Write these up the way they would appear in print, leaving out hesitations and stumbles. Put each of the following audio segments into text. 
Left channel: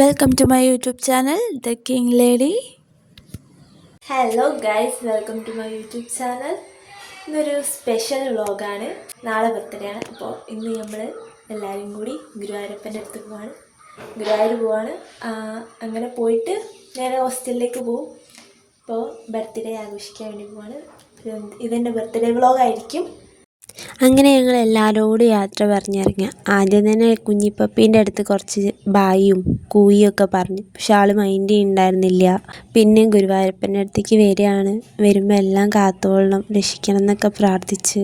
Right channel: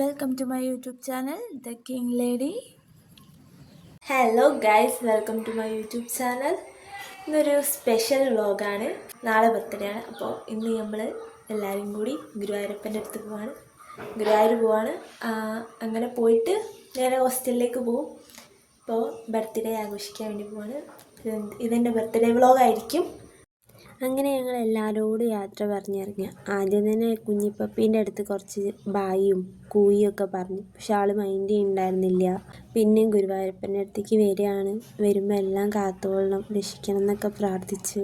Welcome to my YouTube channel, The King Lady. Hello guys, welcome to my YouTube channel. ഇന്നൊരു special വ്ളോഗാണ്. നാളെ birthday ആണ്. അപ്പോൾ ഇന്ന് നമ്മൾ എല്ലാവരും കൂടി ഗുരുവായൂരപ്പൻ്റെ അടുത്ത് ഗുരുവായൂർ പോവാണ്. അങ്ങനെ പോയിട്ട് നേരെ ഹോസ്റ്റലിലേക്ക് പോകും. അപ്പോൾ ബർത്ത്ഡേ ആഘോഷിക്കാൻ വേണ്ടി പോവാണ്. ഇതെൻ്റെ ബർത്ത്ഡേ വ്ളോഗായിരിക്കും. അങ്ങനെ ഞങ്ങൾ എല്ലാവരോടും യാത്ര പറഞ്ഞിറങ്ങി. ആദ്യം തന്നെ കുഞ്ഞിപ്പപ്പീൻ്റെ അടുത്ത് കുറച്ച് ബായും കൂയും ഒക്കെ പറഞ്ഞു. പക്ഷെ ആൾ മൈൻഡ് ഉണ്ടായിരുന്നില്ല. പിന്നെ ഗുരുവായൂരപ്പൻ്റെ അടുത്തേക്ക് വരികയാണ്. വരുമ്പോൾ എല്ലാം കാത്തോളണം, രക്ഷിക്കണം എന്നൊക്കെ പ്രാർത്ഥിച്ച്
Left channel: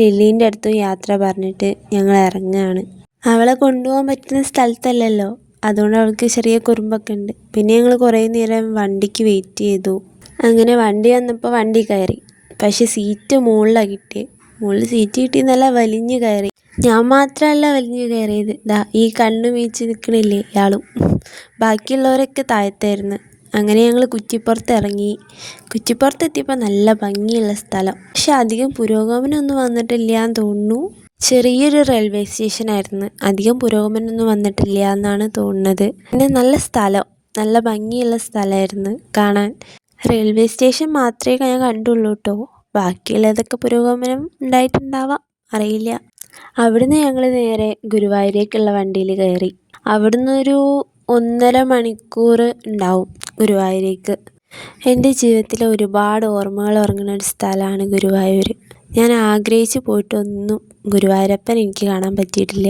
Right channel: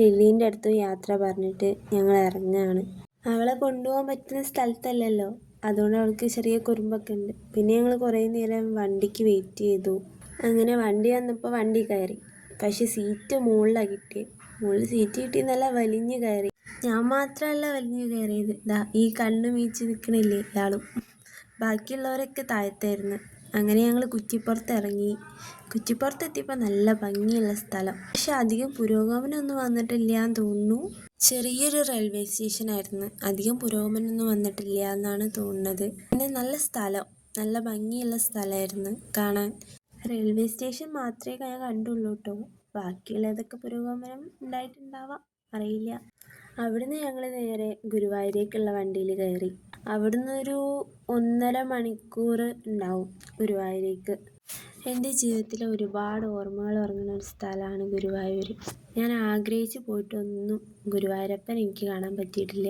ലില്ലീൻ്റെ അടുത്തും യാത്ര പറഞ്ഞിട്ട് ഞങ്ങൾ ഇറങ്ങുകയാണ്. അവളെ കൊണ്ടുപോകാൻ പറ്റുന്ന സ്ഥലത്തല്ലല്ലോ, അതുകൊണ്ട് അവൾക്ക് ചെറിയ കുറുമ്പൊക്കെ ഉണ്ട്. പിന്നെ ഞങ്ങൾ കുറേ നേരം വണ്ടിക്ക് വെയിറ്റ് ചെയ്തു. അങ്ങനെ വണ്ടി വന്നപ്പോൾ വണ്ടി കയറി. പക്ഷെ സീറ്റ് മുകളിലാണ് കിട്ടിയത്. മുകളിൽ സീറ്റ് കിട്ടി നല്ല വലിഞ്ഞു കയറി. ഞാൻ മാത്രമല്ല വലിഞ്ഞു കയറിയത്, ഈ കണ്ണു വീഴ്ച നിൽക്കണില്ലേ ഇയാളും. ബാക്കിയുള്ളവരൊക്കെ താഴത്തായിരുന്നു. അങ്ങനെ ഞങ്ങൾ കുറ്റിപ്പുറത്ത് ഇറങ്ങി. കുറ്റിപ്പുറത്ത് എത്തിയപ്പോൾ നല്ല ഭംഗിയുള്ള സ്ഥലം. പക്ഷെ അധികം പുരോഗമനമൊന്നും വന്നിട്ടില്ല എന്ന് തോന്നുന്നു. ചെറിയൊരു റെയിൽവേ സ്റ്റേഷനായിരുന്നു. അധികം പുരോഗമനമൊന്നും വന്നിട്ടില്ല എന്നാണ് തോന്നുന്നത്. പിന്നെ നല്ല സ്ഥലം, നല്ല ഭംഗിയുള്ള സ്ഥലമായിരുന്നു കാണാൻ. റെയിൽവേ സ്റ്റേഷൻ മാത്രമേ ഞാൻ കണ്ടുള്ളൂ കേട്ടോ. ബാക്കിയുള്ളതൊക്കെ പുരോഗമനം ഉണ്ടായിട്ടുണ്ടാവാം, അറിയില്ല. അവിടുന്ന് ഞങ്ങൾ നേരെ ഗുരുവായൂരേക്കുള്ള വണ്ടിയിൽ കയറി. അവിടുന്ന് ഒരു 1.5 മണിക്കൂർ ഉണ്ടാവും ഗുരുവായൂരേക്ക്. എൻ്റെ ജീവിതത്തിലെ ഒരുപാട് ഓർമ്മകൾ ഉറങ്ങുന്ന ഒരു സ്ഥലമാണ് ഗുരുവായൂർ. ഞാൻ ആഗ്രഹിച്ച് പോയിട്ടൊന്നും ഗുരുവായൂരപ്പൻ എനിക്ക് കാണാൻ പറ്റിയിട്ടില്ല.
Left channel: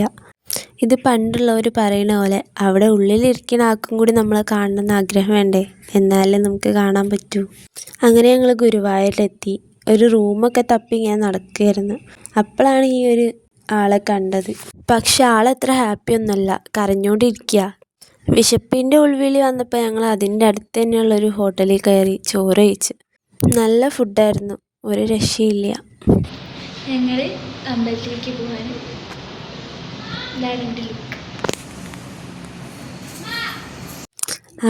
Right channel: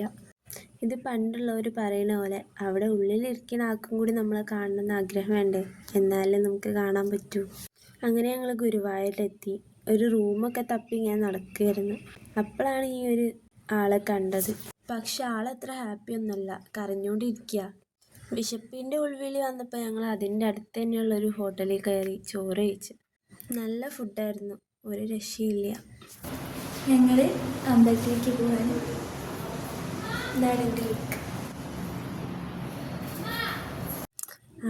ഇത് പണ്ടുള്ളവർ പറയുന്ന പോലെ അവിടെ ഉള്ളിലിരിക്കുന്ന ആൾക്കും കൂടി നമ്മളെ കാണണമെന്ന് ആഗ്രഹം വേണ്ടേ, എന്നാലേ നമുക്ക് കാണാൻ പറ്റൂ. അങ്ങനെ ഞങ്ങൾ ഗുരുവായൂരിലെത്തി. ഒരു റൂമൊക്കെ തപ്പി ഞാൻ നടക്കുകയായിരുന്നു. അപ്പോഴാണ് ഈ ഒരു ആളെ കണ്ടത്. പക്ഷെ ആളത്ര ഹാപ്പി ഒന്നുമല്ല, കരഞ്ഞുകൊണ്ടിരിക്കുക. വിശപ്പിൻ്റെ ഉൾവിളി വന്നപ്പോൾ ഞങ്ങൾ അതിൻ്റെ അടുത്ത് തന്നെയുള്ളൊരു ഹോട്ടലിൽ കയറി ചോറ് കഴിച്ച്. നല്ല ഫുഡായിരുന്നു, ഒരു രക്ഷയില്ല. ഞങ്ങൾ അമ്പലത്തിലേക്ക് പോകാൻ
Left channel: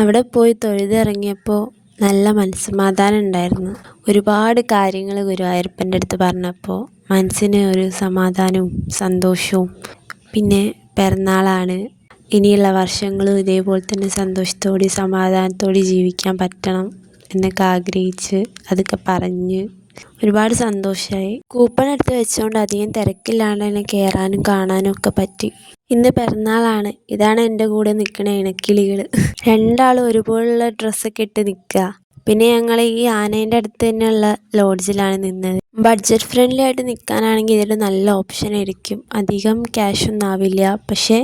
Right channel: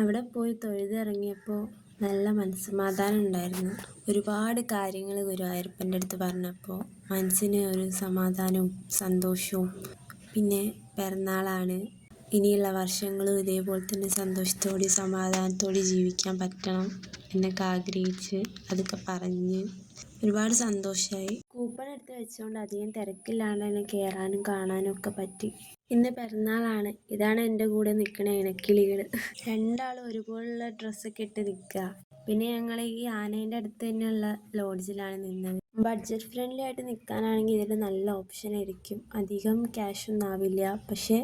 അവിടെ പോയി തൊഴുതിറങ്ങിയപ്പോൾ നല്ല മനസ്സമാധാനം ഉണ്ടായിരുന്നു. ഒരുപാട് കാര്യങ്ങൾ ഗുരുവായൂരപ്പൻ്റെ അടുത്ത് പറഞ്ഞപ്പോൾ മനസ്സിന് ഒരു സമാധാനവും സന്തോഷവും. പിന്നെ പിറന്നാളാണ്, ഇനിയുള്ള വർഷങ്ങളും ഇതേപോലെ തന്നെ സന്തോഷത്തോടെ സമാധാനത്തോടെ ജീവിക്കാൻ പറ്റണം എന്നൊക്കെ ആഗ്രഹിച്ച് അതൊക്കെ പറഞ്ഞ് ഒരുപാട് സന്തോഷമായി. കൂപ്പൺ എടുത്ത് വെച്ചുകൊണ്ട് അധികം തിരക്കില്ലാണ്ട് തന്നെ കയറാനും കാണാനും ഒക്കെ പറ്റി. ഇന്ന് പിറന്നാളാണ്. ഇതാണ് എൻ്റെ കൂടെ നിൽക്കണ ഇണക്കിളികൾ. രണ്ടാളും ഒരുപോലുള്ള ഡ്രസ്സൊക്കെ ഇട്ട് നിൽക്കുക. പിന്നെ ഞങ്ങൾ ഈ ആനേൻ്റെ അടുത്ത് തന്നെയുള്ള ലോഡ്ജിലാണ് നിന്നത്. ബഡ്ജറ്റ് ഫ്രണ്ട്ലി ആയിട്ട് നിൽക്കാനാണെങ്കിൽ ഇതൊരു നല്ല ഓപ്ഷൻ ആയിരിക്കും. അധികം ക്യാഷൊന്നും ആവില്ല. പക്ഷേ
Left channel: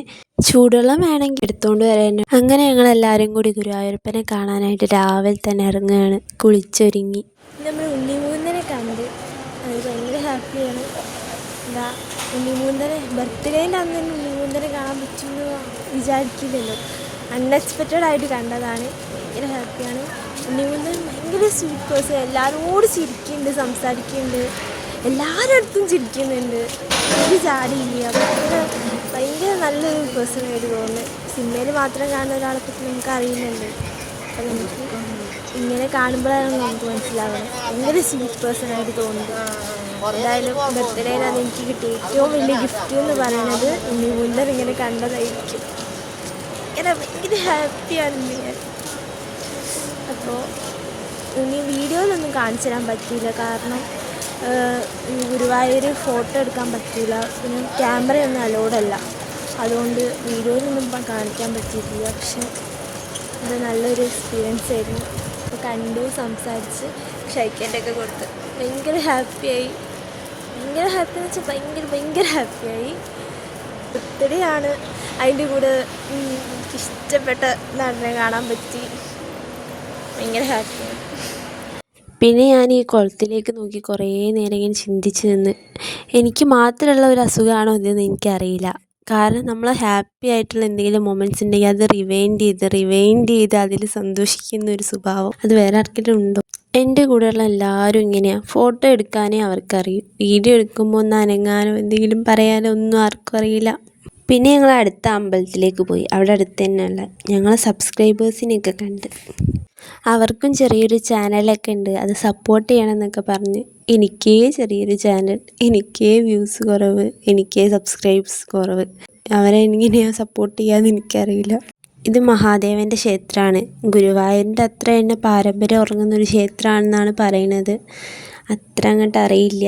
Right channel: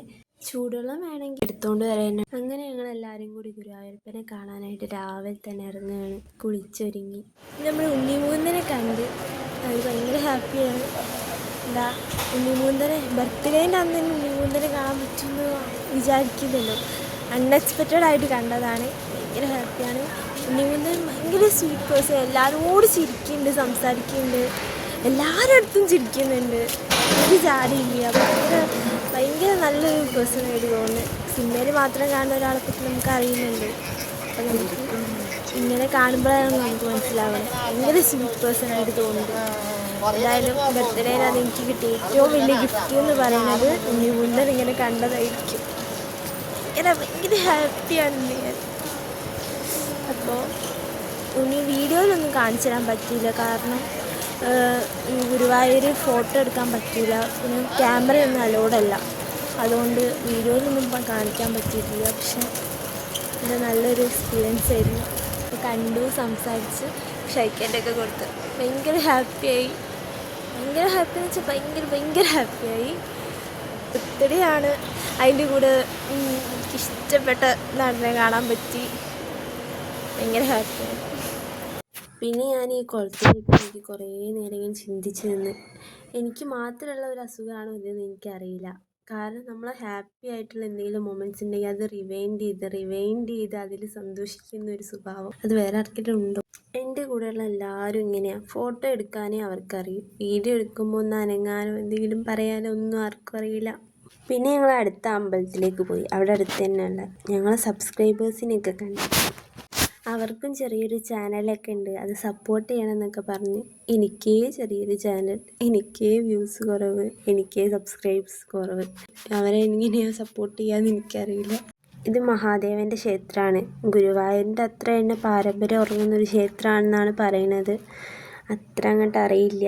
ചൂടുവെള്ളം വേണമെങ്കിൽ എടുത്തുകൊണ്ട് വരാൻ. അങ്ങനെ ഞങ്ങളെല്ലാവരും കൂടി ഗുരുവായൂരപ്പനെ കാണാനായിട്ട് രാവിലെ തന്നെ ഇറങ്ങുകയാണ്, കുളിച്ചൊരുങ്ങി. നമ്മൾ ഉണ്ണിമൂന്നനെ കണ്ടത്, അത് ഭയങ്കര ഹാപ്പിയാണ്. ഉണ്ണിമൂന്നനെ ബർത്ത്ഡേൻ്റെ അന്ന് തന്നെ ഉണ്ണിമൂന്നനെ കാണാൻ പറ്റുമെന്ന് വിചാരിക്കുന്നില്ല. അൺഎക്സ്പെക്റ്റഡ് ആയിട്ട് കണ്ടതാണ്. ഭയങ്കര ഹാപ്പിയാണ്. ഉണ്ണിമൂന്നൻ ഭയങ്കര സ്വീറ്റ് പേഴ്സൺ. എല്ലാവരോടും ചിരിക്കുന്നുണ്ട്, സംസാരിക്കുന്നുണ്ട്, എല്ലാവരുടെ അടുത്തും ചിരിക്കുന്നുണ്ട്. ഒരു ജാതിയില്ല. ഭയങ്കര നല്ലൊരു പേഴ്സണായിട്ട് തോന്നുന്നു. സിനിമയിൽ മാത്രം കാണുന്ന ഒരാളെ പറ്റി നമുക്ക് അറിയുന്നുണ്ട്. അത് നമുക്ക് ഇങ്ങനെ കാണുമ്പോഴാണ് നമുക്ക് മനസ്സിലാവുന്നത്. ഭയങ്കര സ്വീറ്റ് പേഴ്സണായിട്ട് തോന്നുന്നു. എന്തായാലും ബർത്ത്ഡേയിലാണ് എനിക്ക് കിട്ടിയ ഏറ്റവും വലിയ ഗിഫ്റ്റ് എന്ന് പറയുന്നത് ഉണ്ണിമൂന്നൻ ഇങ്ങനെ കണ്ടതായിരിക്കും. ഇങ്ങനെ ഭയങ്കര ഹാപ്പിയാണ് ഞാൻ. അപ്പോൾ ഇനി വീഡിയോയിലൊന്നും കാണിച്ചു തരാൻ പറ്റിയില്ല, കാരണം ഗുരുവായൂർ ഫോട്ടോ എടുക്കാൻ പറ്റില്ല. പിന്നെ ക്യാമറയൊന്നും അലോഡല്ല, അതുകൊണ്ട് വീഡിയോയിലൊന്നും കാണിക്കാൻ പറ്റിയിട്ടില്ല. പക്ഷെ ഇത് നല്ലൊരു എക്സ്പീരിയൻസ് ആയിരുന്നു. കണ്ടു, സംസാരിച്ച്, ഷൈക്കേണ്ടൊക്കെ കൊടുത്ത് ഭയങ്കര ഹാപ്പിയായി. ഭയങ്കര ഹാപ്പി എന്ന് വെച്ചാൽ ഭയങ്കര ഹാപ്പിയായി. ബർത്ത്ഡേ ആണ്, അതിൻ്റെ കൂടെ ഇഷ്ടപ്പെട്ട നടനെ കാണാൻ പറ്റി. ഭയങ്കര ഹാപ്പി. പിന്നെ ഞാൻ ഈ കുളത്തിലേക്ക് നോക്കി കുറേ നേരം ഇങ്ങനെ ചിന്തിച്ച് നിന്ന്, എനിക്ക് മാത്രമുള്ള ഒരു അസുഖമാണോ ഇതെന്ന് എനിക്കറിയില്ല. കാരണം നമ്മൾ ഹാപ്പി ആയിട്ടുള്ള എന്തെങ്കിലും മൊമെൻറ്റ്സ് ഉണ്ടെങ്കിൽ അത് റിവൈൻഡ് ചെയ്ത് അതിൽ സന്തോഷിക്കുന്ന ഒരു സ്വഭാവം അത് വേറെ ആർക്കെങ്കിലും ഉണ്ടോ? എൻ്റെ കൂടെയുള്ള എല്ലാവരും ഇങ്ങനെയാണ്. ഫോട്ടോ എടുക്കാനേ അവർക്കറിയും, വീഡിയോ എടുക്കുമ്പോൾ ഒന്ന് അനങ്ങാനോ എന്തെങ്കിലും പറയാനോ ഒന്നും ആർക്കും അറിയില്ല. പിന്നെ ഞങ്ങൾ അടുത്ത അമ്പലത്തിലേക്ക് പോയി. അവിടെ അടുത്ത് തന്നെയുള്ള ഞങ്ങൾ സബ്സ്ക്രൈബേഴ്സിനെയൊക്കെ കണ്ടു. അവർക്കും ചെറിയൊരു ചാനലൊക്കെ ഉണ്ട്, അത് സപ്പോർട്ട് ചെയ്യണമെന്നൊക്കെ പറഞ്ഞ്. എനിക്കേ ചെറിയൊരു ചാനൽ, എനിക്കേ വ്യൂസ് കുറവ്, എനിക്കേ സബ്സ്ക്രൈബ്സ് കുറവ്. അവരെ എങ്ങനെയാണ് സപ്പോർട്ട് ചെയ്യാമെന്ന് എനിക്കറിയില്ല. ഇത് മഹാദേവൻ്റെ ക്ഷേത്രമാണ്. ഗുരുവായൂരിൻ്റെ അത്ര തന്നെ പാരമ്പര്യം ഉറങ്ങുന്നൊരു ക്ഷേത്രമാണെന്നാണ് പറയുന്നത്. അത്ര അങ്ങോട്ട് അറിയില്ല.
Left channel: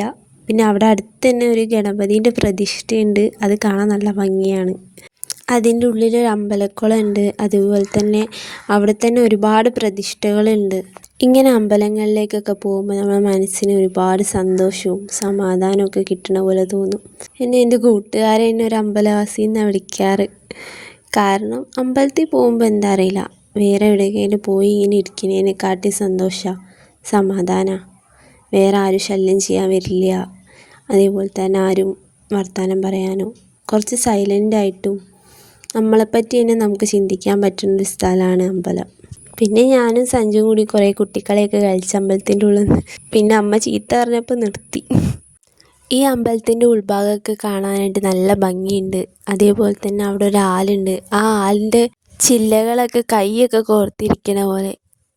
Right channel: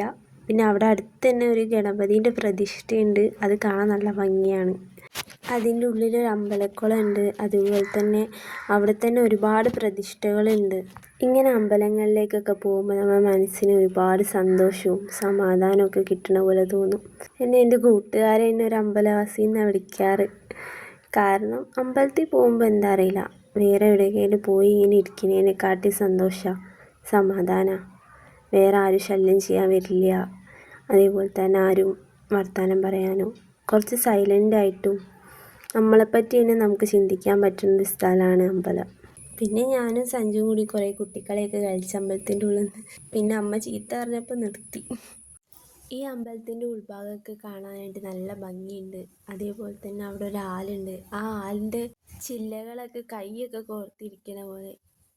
പിന്നെ അവിടെ അടുത്ത് തന്നെ ഒരു ഗണപതിൻ്റെ പ്രതിഷ്ഠയുണ്ട്. അത് കാണാൻ നല്ല ഭംഗിയാണ്. അതിൻ്റെ ഉള്ളിലൊരു അമ്പലക്കുളമുണ്ട്. അതുപോലെ തന്നെ അവിടെ തന്നെ ഒരുപാട് പ്രതിഷ്ഠകളുണ്ട്. ഇങ്ങനെ അമ്പലങ്ങളിലേക്കൊക്കെ പോകുമ്പോൾ നമ്മുടെ മനസ്സിന് ഒരുപാട് സന്തോഷവും സമാധാനവും ഒക്കെ കിട്ടണ പോലെ തോന്നും. എൻ്റെ കൂട്ടുകാരെ എന്നെ ഒരു അമ്പലവാസി എന്നാണ് വിളിക്കാറ്. കാരണം അമ്പലത്തിൽ പോകുമ്പോൾ എന്താ അറിയില്ല, വേറെ എവിടെയെങ്കിലും പോയി ഇങ്ങനെ ഇരിക്കുന്നതിനെക്കാട്ടി സന്തോഷമാണ്, സമാധാനമാണ്. വേറെ ആരും ശല്യം ചെയ്യാൻ വരില്ല. അതേപോലെ തന്നെ ആരും വർത്തമാനം പറയാനോ, കുറച്ച് സൈലൻ്റായിട്ടും നമ്മളെപ്പറ്റി തന്നെ നമുക്ക് ചിന്തിക്കാൻ പറ്റുന്നൊരു സ്ഥലമാണ് അമ്പലം. പിന്നെ ഞാനും സഞ്ജുവും കൂടി കുറേ കുട്ടിക്കളിയൊക്കെ കളിച്ച് അമ്പലത്തിൻ്റെ ഉള്ളിൽ നിന്ന്. പിന്നെ അമ്മ ചീത്ത പറഞ്ഞപ്പോൾ നിർത്തി. ഈ അമ്പലത്തിൻ്റെ ഉൾഭാഗമൊക്കെ കാണാനായിട്ട് നല്ല ഭംഗിയുണ്ട്. അതേപോലെ തന്നെ അവിടെ ഒരു ആലുണ്ട്. ആ ആലിൻ്റെ ചില്ലകളൊക്കെ കൈയൊക്കെ കോർത്തിരിക്കണ പോലെ,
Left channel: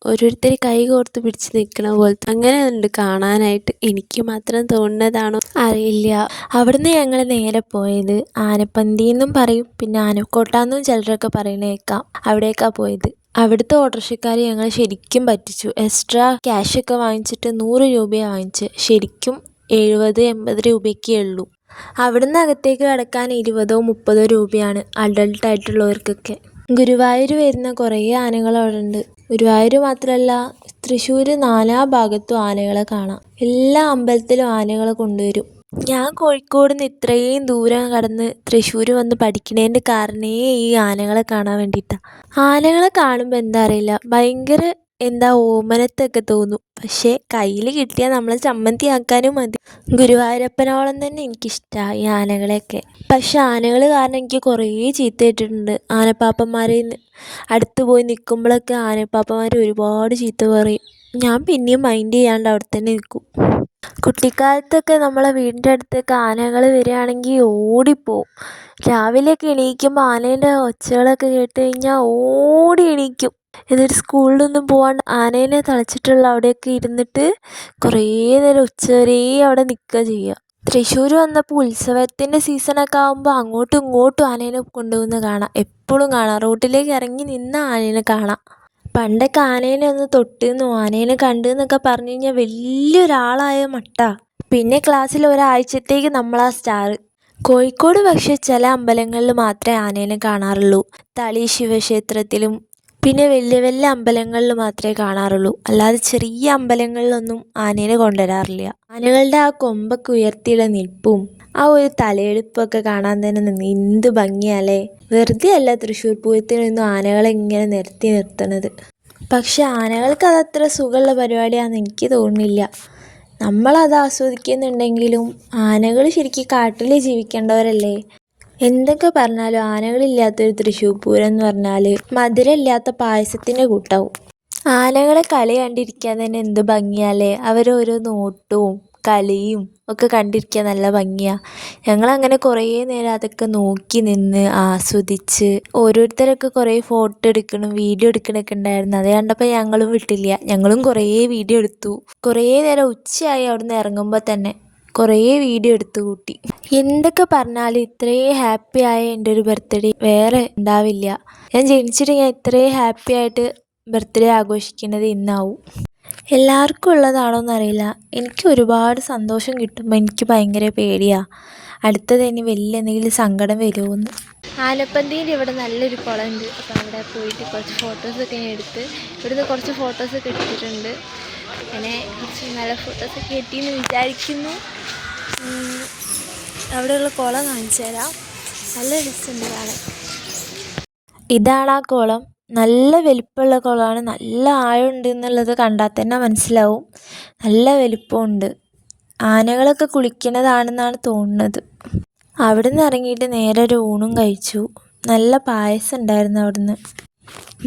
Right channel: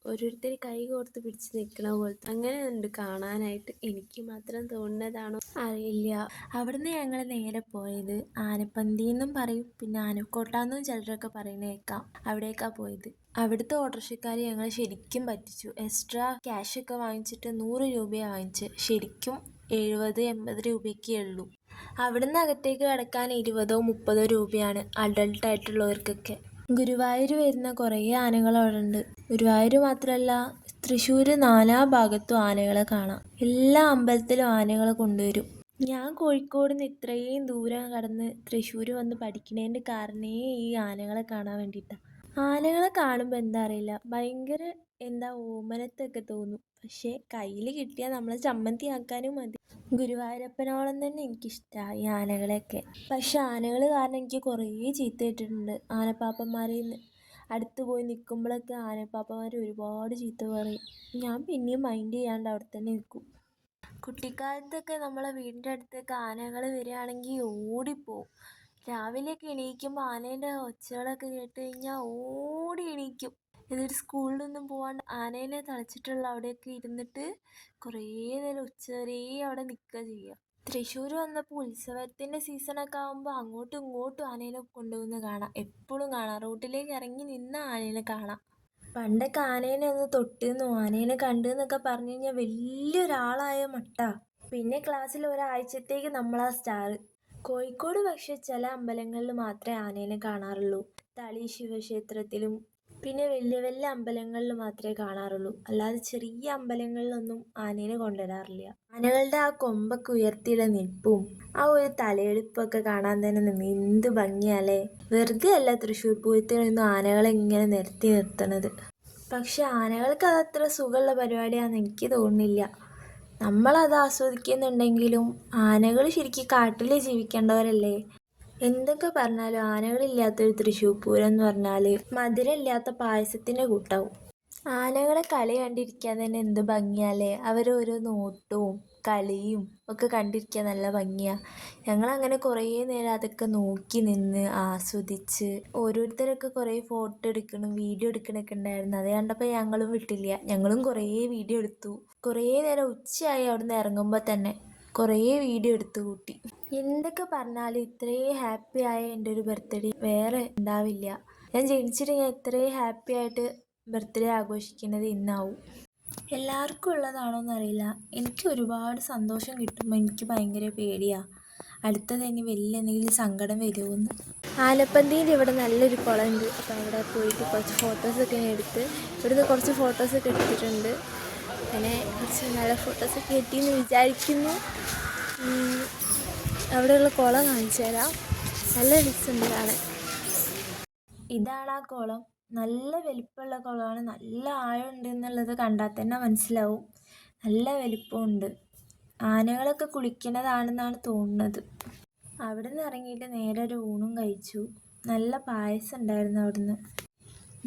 ഓരോരുത്തർ കൈ കോർത്ത് പിടിച്ച് നിൽക്കണ പോലത്തെ അങ്ങനെ ഉണ്ട് കാണാനായിട്ട്. എനിക്ക് മാത്രം തോന്നുന്നതാണോ അറിയില്ല. അവിടുന്ന് ഞങ്ങൾ നേരെ പോയത് ആനപ്പന്തി എന്നും പറയും, പിന്നെ ആനക്കോട്ടാന്നും ചിലരൊക്കെ പറയണ കേൾക്കാം. അവിടേക്കാണ് പോയത്. അവിടുത്തെ ഓട്ടോറിക്ഷക്കാർ ഞങ്ങൾ ശരിക്കും പറ്റിച്ചു. എക്സ്ട്രാ ക്യാഷൊക്കെ വാങ്ങിച്ചിട്ട് 100 രൂപയാണ് വാങ്ങിച്ച്. ശരിക്കും 70-80 രൂപയൊക്കെ ഉള്ളൂ. അവിടുന്ന് അകത്തേക്ക് കടക്കാൻ 20-30 രൂപയാണ് അഡൾട്ടായിട്ടുള്ളവർക്കൊക്കെ. ഗുരുവായൂർ വരുന്ന കുറേ ആനകൾ അവിടെ ഉണ്ട്. ഗുരുവായൂർ മാത്രമല്ല, തൃശ്ശൂർ 4 ഭാഗത്തും ആനകളെ കാണാം. എല്ലാ അമ്പലത്തിലും ആനകളെ കൊണ്ടുവരും. ഞാൻ കോഴിക്കോട് നിന്ന് ഇത്രയും ദൂരം കടന്ന് തൃശ്ശൂർ വന്ന് പഠിക്കണേൻ്റെ കാരണേ ഈ ആനകളെ കാണാൻ വേണ്ടിയിട്ടാണ്. ആനകളെ കാണുമ്പോൾ എന്താ അറിയില്ല, ഭയങ്കര ഓമനത്തൊക്കെ തോന്നും. പക്ഷേ കയ്യിൽ കിട്ടിയാൽ നമ്മളെ ചമ്മന്തി ആക്കാനും മതി. ഗുരുവായൂരപ്പനോളം തന്നെ എനിക്കിഷ്ടമാണ് ഈ ആനകളെയൊക്കെ. പക്ഷെ ആനകൾ കാരണം എനിക്ക് കുറേ ചീത്ത കേട്ടിട്ടുണ്ട്. ആനപ്പാപ്പന്മാരെ അടുത്ത് പോയി നിൽക്കുമ്പോഴൊക്കെ ആനപ്പാപ്പന്മാർ ഒരുപാട് ചീത്ത പറയും. ഞാൻ പിന്നെയും മൈൻഡ് ചെയ്യാണ്ട് അവിടെ തന്നെ നിൽക്കും. കുട്ടിക്കാലത്തൊക്കെ നമ്മളെ വീടിൻ്റെ അടുത്തൊക്കെ ആനകൾ വരികയാണെങ്കിൽ ഓടിപ്പോവും. രാവിലെയൊക്കെ എണീക്കുമ്പോൾ ആനേൻ്റെ ഒച്ചകളൊക്കെ കേട്ട് കഴിഞ്ഞാൽ ഓടി എണീക്കും. എന്നിട്ട് സ്കൂളിലൊന്നും പോകാണ്ട് ആനേനെ തളച്ചിട്ടുള്ള അവിടെയൊക്കെ ഇരുന്നിട്ട് കുറേ നേരം ഉച്ചവരെ അവിടെ നിൽക്കുക ചെയ്യുക. തൃശ്ശൂർ വന്നപ്പോൾ ഉത്സവത്തിൻ്റെ സീസണൊക്കെ ആകുമ്പോൾ അങ്ങോട്ടും ഇങ്ങോട്ടും ആനേനെ കൊണ്ടുപോകുന്ന കാണാം. എപ്പോഴും കാണാം. റോട്ടിലേക്ക് ഇറങ്ങി നിന്ന ആനേനെ കാണാം. പണ്ടൊക്കെ ആനേനെ ഒന്ന് തൊട്ടെന്നോ ആനേനെ കണ്ടെന്നൊക്കെ പറഞ്ഞു കഴിഞ്ഞാൽ വലിയൊരാളായ മട്ടാ. പിന്നെ ക്ലാസ്സിൽ ഒരാഴ്ചത്തേക്ക് നമ്മളാ സ്റ്റാർ. കോഴിക്കോട് പക്ഷേ ചില അമ്പലങ്ങളിൽ മാത്രമേ ആനേനെ കാണാറുള്ളൂ. തളി ശിവക്ഷേത്രത്തിലും പിന്നെ വലിയ വലിയ അമ്പലങ്ങളിൽ മാത്രമേ കാണാറുള്ളൂ. അല്ലാതെ ചെറിയ അമ്പലങ്ങളിലൊന്നും ആനേനെ കൊണ്ടുവരാറില്ല. ആനകളുടെ ആ കൊമ്പൊക്കെ ഉയർത്തിയുള്ള നിൽപ്പും ആ ഒരു തലയെടുപ്പൊക്കെ കാണാൻ തന്നെ എന്ത് ഭംഗിയല്ലേ. വെറുതെ അല്ല തൃശ്ശൂർ പൂരത്തിനൊന്നും ആനകളെ ഇങ്ങനെ നിരത്തി നിർത്തണത്. പക്ഷെ ആനകൾക്ക് അതത്ര സുഖമുള്ള പരിപാടിയാണെന്ന് എനിക്ക് തോന്നുന്നില്ല. നമ്മളത് ആസ്വദിക്കുന്നുണ്ടെങ്കിലും ആനകൾ ശരിക്കും കാട്ടിൽ ജീവിക്കേണ്ടവരല്ലേ. എന്തൊക്കെ പറഞ്ഞാലും ആനകളില്ലാത്തൊരു തൃശ്ശൂർ പൂരം എന്ന് പറഞ്ഞാൽ മധുരമില്ലാത്ത പായസത്തിൻ്റെ കൂട്ടാവും. ആനകളെ കളി കണ്ടിരിക്കാൻ തന്നെ എന്ത് ഭംഗിയല്ലേ. അവരോരോ നോട്ടവും കളിയും ഒക്കെ കണ്ടിരിക്കാൻ നല്ല ഭംഗിയാണ്. ഞങ്ങളങ്ങനെ കുറേ നേരം അതൊക്കെ നോക്കി നിന്ന് ആസ്വദിച്ച് ഓരോരുത്തരൊക്കെ കുറേ ഫോട്ടോ എടുക്കണം വീഡിയോ എടുക്കണമൊക്കെ ഉണ്ടായിരുന്നു. അത് കണ്ടപ്പോൾ ഞങ്ങളും വിട്ടില്ല. ഞങ്ങളും കുറേ വീഡിയോ എടുത്തു. കുറേ നേരം ഉച്ചയായി അവിടെ നിന്ന് ഇറങ്ങുമ്പോൾ തന്നെ കുറേ വീഡിയോ എടുത്തു കൂട്ടി. എന്തൊക്കെ പറഞ്ഞാലും ഇത്രയും ഹാപ്പി ആയ എൻ്റെ ഒരു ബർത്ത്ഡേ വേറെ ഉണ്ടാവില്ല. ഞാൻ ജനിച്ചിട്ട് ഞാൻ ഇത്രയും ഹാപ്പി ആയിട്ട് ബർത്ത്ഡേ ആഘോഷിക്കുന്നത് ഇന്നാവും. എല്ലാവർക്കും ഉള്ളതാണോയെന്നറിയില്ല. എനിക്ക് ഒരുപാട് സന്തോഷം കിട്ടുമ്പോൾ എനിക്ക് ഭയങ്കര പേടിയാണ് അടുത്തത് ഇനി വലിയ എന്തെങ്കിലും സങ്കടം വരുമോയെന്ന്. ആനപ്പന്തിയിൽ ഇവിടെ നല്ലൊരു കുളമുണ്ട്. അപ്പോൾ അവിടെ പോയിട്ട് കുറച്ച് ഫോട്ടോസൊക്കെ എടുത്ത് ഇവിടുന്ന് കുറച്ച് ഫോട്ടോസൊക്കെ എടുത്തിട്ടുണ്ട്. അങ്ങനെ കുറച്ച് നല്ല ഫോട്ടോസൊക്കെ കിട്ടിയെന്ന് വിചാരിക്കുന്നു. അവിടെയുള്ള കുളം കാണിച്ചു തരാം. നല്ല രസമുണ്ട് കാണാൻ. ഇതാണ് ആ കുളം. നല്ല വലിപ്പമുള്ള കുളമാണ്. നല്ല ആഴമുണ്ട് എന്നുള്ളത് കണ്ടാൽ തന്നെ മനസ്സിലാവും. നല്ല വലിപ്പമുണ്ട്. ആനകളൊക്കെ കുളിക്കുന്നതാണെന്നാണ് തോന്നുന്നത്. അവിടെ നിന്ന് ഇറങ്ങിയിട്ട് നേരെ ഒരു ഊണും കഴിച്ചു. നല്ല പായസം ഉണ്ടായിരുന്നു അവിടുന്ന്.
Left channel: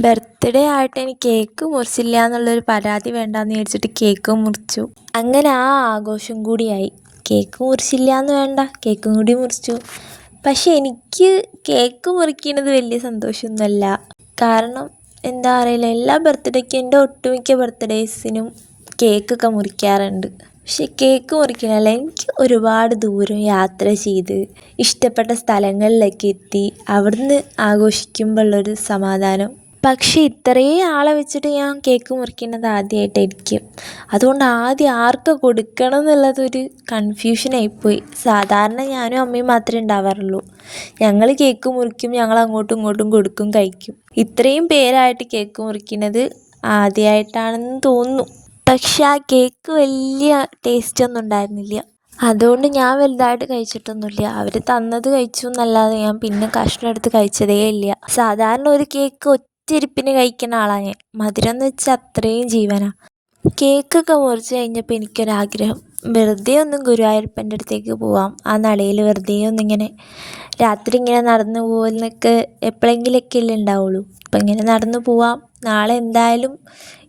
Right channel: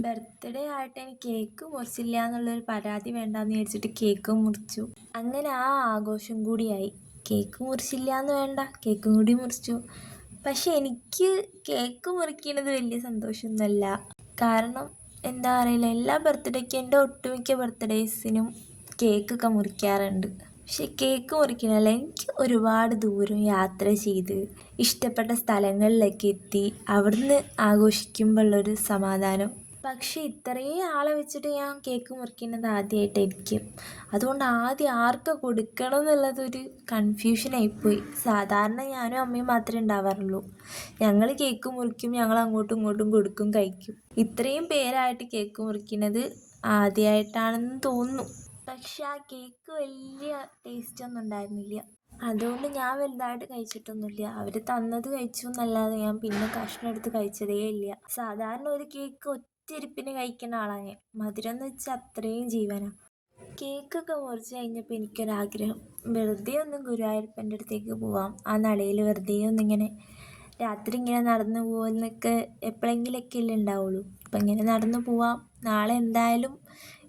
ബർത്ത്ഡേ ആയിട്ട് എനിക്ക് കേക്ക് മുറിച്ചില്ല എന്നുള്ളൊരു പരാതി വേണ്ടാന്ന് വിചാരിച്ചിട്ട് കേക്ക് മുറിച്ചു. അങ്ങനെ ആ ആഘോഷം കൂടിയായി. കേക്ക് മുറിച്ചില്ല എന്ന് വേണ്ട, കേക്കും കൂടി മുറിച്ചു. പക്ഷെ എനിക്ക് കേക്ക് മുറിക്കുന്നത് വലിയ സന്തോഷമൊന്നുമല്ല. കാരണം എന്താ അറിയില്ല, എല്ലാ ബർത്ത്ഡേക്കും എൻ്റെ ഒട്ടുമിക്ക ബർത്ത്ഡേസിനും കേക്കൊക്കെ മുറിക്കാറുണ്ട്. പക്ഷെ കേക്ക് മുറിക്കണല്ല, എനിക്ക് ഒരുപാട് ദൂരം യാത്ര ചെയ്ത് ഇഷ്ടപ്പെട്ട സ്ഥലങ്ങളിലൊക്കെ എത്തി അവിടുന്ന് ആഘോഷിക്കുമ്പോഴുള്ളൊരു സമാധാനം. പക്ഷേ ഇത്രയും ആളെ വെച്ചിട്ട് ഞാൻ കേക്ക് മുറിക്കുന്നത് ആദ്യമായിട്ടായിരിക്കും. അതുകൊണ്ട് ആദ്യം ആർക്ക് കൊടുക്കണം എന്നുള്ളതൊരു കൺഫ്യൂഷനായിപ്പോയി. സാധാരണ ഞാനും അമ്മയും മാത്രമേ ഉണ്ടാവാറുള്ളൂ. ഞങ്ങൾ കേക്ക് മുറിക്കും, ഞങ്ങൾ അങ്ങോട്ടും ഇങ്ങോട്ടും കൊടുക്കും, കഴിക്കും. ഇത്രയും പേരായിട്ട് കേക്ക് മുറിക്കുന്നത് ആദ്യമായിട്ടാണെന്ന് തോന്നുന്നു. പക്ഷെ ആ കേക്ക് വലിയ ടേസ്റ്റൊന്നും ഉണ്ടായിരുന്നില്ല. അതുകൊണ്ട് ഞാൻ വലുതായിട്ട് കഴിച്ചിട്ടൊന്നുമില്ല. അവർ തന്നത് കഴിച്ചു എന്നല്ലാതെ ഞാൻ പിന്നെ കഷ്ണം എടുത്ത് കഴിച്ചതേ ഇല്ല. സാധാരണ ഒരു കേക്ക് ഒറ്റയിരിപ്പിന് കഴിക്കുന്ന ആളാണ് ഞാൻ. മധുരം എന്ന് വെച്ചാൽ അത്രയും ജീവനാണ്. കേക്കൊക്കെ മുറിച്ച് കഴിഞ്ഞപ്പോൾ എനിക്കൊരാഗ്രഹം, വെറുതെ ഒന്നും ഗുരുവായൂരപ്പൻ്റെ അടുത്തേക്ക് പോവാം. ആ നടയിൽ വെറുതെ ഒന്നിങ്ങനെ രാത്രി ഇങ്ങനെ നടന്നു പോകുന്നൊക്കെ എപ്പോഴെങ്കിലൊക്കെ അല്ലേ ഉണ്ടാവുള്ളൂ. അപ്പം ഇങ്ങനെ നടന്നു പോവാം. നാളെ എന്തായാലും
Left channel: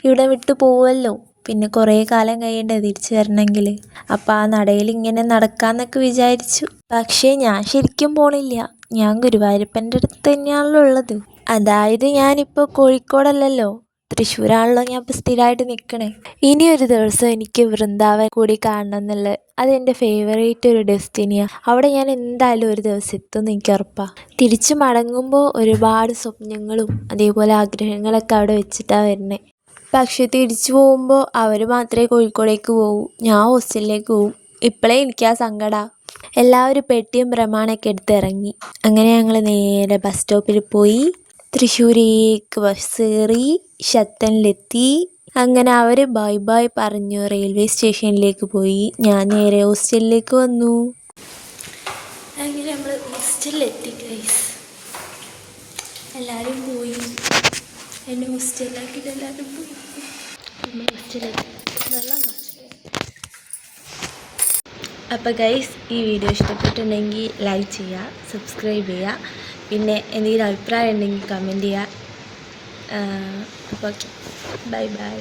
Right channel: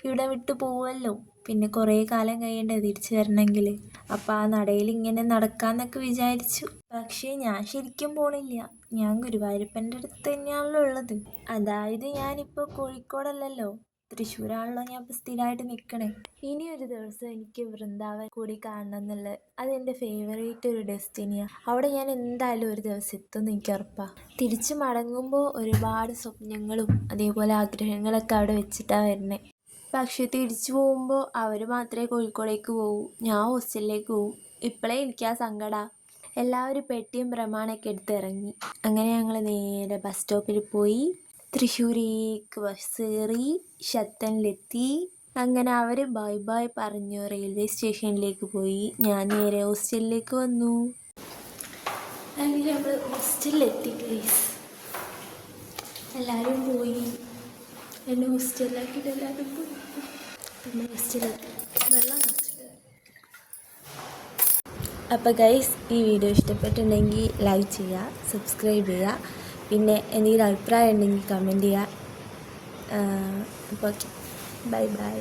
ഇവിടെ വിട്ട് പോവുമല്ലോ, പിന്നെ കുറേ കാലം കഴിയണ്ടേ തിരിച്ചു വരണമെങ്കിൽ. അപ്പോൾ ആ നടയിൽ ഇങ്ങനെ നടക്കാമെന്നൊക്കെ വിചാരിച്ചു. പക്ഷേ ഞാൻ ശരിക്കും പോണില്ല. ഞാൻ ഗുരുവായൂരപ്പൻ്റെ അടുത്ത് തന്നെയാണല്ലോ ഉള്ളത്. അതായത് ഞാനിപ്പോൾ കോഴിക്കോടല്ലല്ലോ, തൃശ്ശൂരാണല്ലോ ഞാൻ ഇപ്പോൾ സ്ഥിരമായിട്ട് നിൽക്കണേ. ഇനിയൊരു ദിവസം എനിക്ക് വൃന്ദാവൻ കൂടി കാണണം എന്നുള്ളത്, അതെൻ്റെ ഫേവറേറ്റ് ഒരു ഡെസ്റ്റിനിയാണ്. അവിടെ ഞാൻ എന്തായാലും ഒരു ദിവസം എത്തുമെന്ന് എനിക്ക് ഉറപ്പാണ്. തിരിച്ചു മടങ്ങുമ്പോൾ ഒരുപാട് സ്വപ്നങ്ങളും അതേപോലെ ആഗ്രഹങ്ങളൊക്കെ അവിടെ വെച്ചിട്ടാണ് വരുന്നത്. പക്ഷെ തിരിച്ചു പോകുമ്പോൾ അവർ മാത്രമേ കോഴിക്കോടേക്ക് പോകൂ, ഞാൻ ഹോസ്റ്റലിലേക്ക് പോവും. ഇപ്പോഴേ എനിക്ക് ആ സങ്കടമാണ്. എല്ലാവരും പെട്ടിയും പ്രമാണമൊക്കെ എടുത്ത് ഇറങ്ങി. അങ്ങനെ ഞങ്ങൾ നേരെ ബസ് സ്റ്റോപ്പിൽ പോയി തൃശ്ശൂരേക്ക് ബസ് കയറി ശത്തനിലെത്തി. അങ്ങനെ അവർ ബൈ ബൈ പറഞ്ഞു റെയിൽവേ സ്റ്റേഷനിലേക്ക് പോയി. ഞാൻ നേരെ ഹോസ്റ്റലിലേക്ക് വന്നു. അങ്ങനെ നമ്മൾ ഹോസ്റ്റലിലെത്തി. എല്ലാവരും പോയി, എന്നെ ഹോസ്റ്റലിലാക്കിയിട്ട് എല്ലാവരും പോയി. ഹോസ്റ്റലിലെത്തി നല്ല അപ്പോൾ ഗൈസ്, ഈ വീഡിയോ ഇഷ്ടപ്പെട്ടിട്ടുണ്ടെങ്കിൽ ലൈക്ക് ചെയ്യുക, സബ്സ്ക്രൈബ് ചെയ്യുക, പിന്നെ എന്തെങ്കിലും അഭിപ്രായം ഉണ്ടെങ്കിൽ കമൻറ്റ് ചെയ്യുക. അപ്പോൾ ബൈ ബൈ.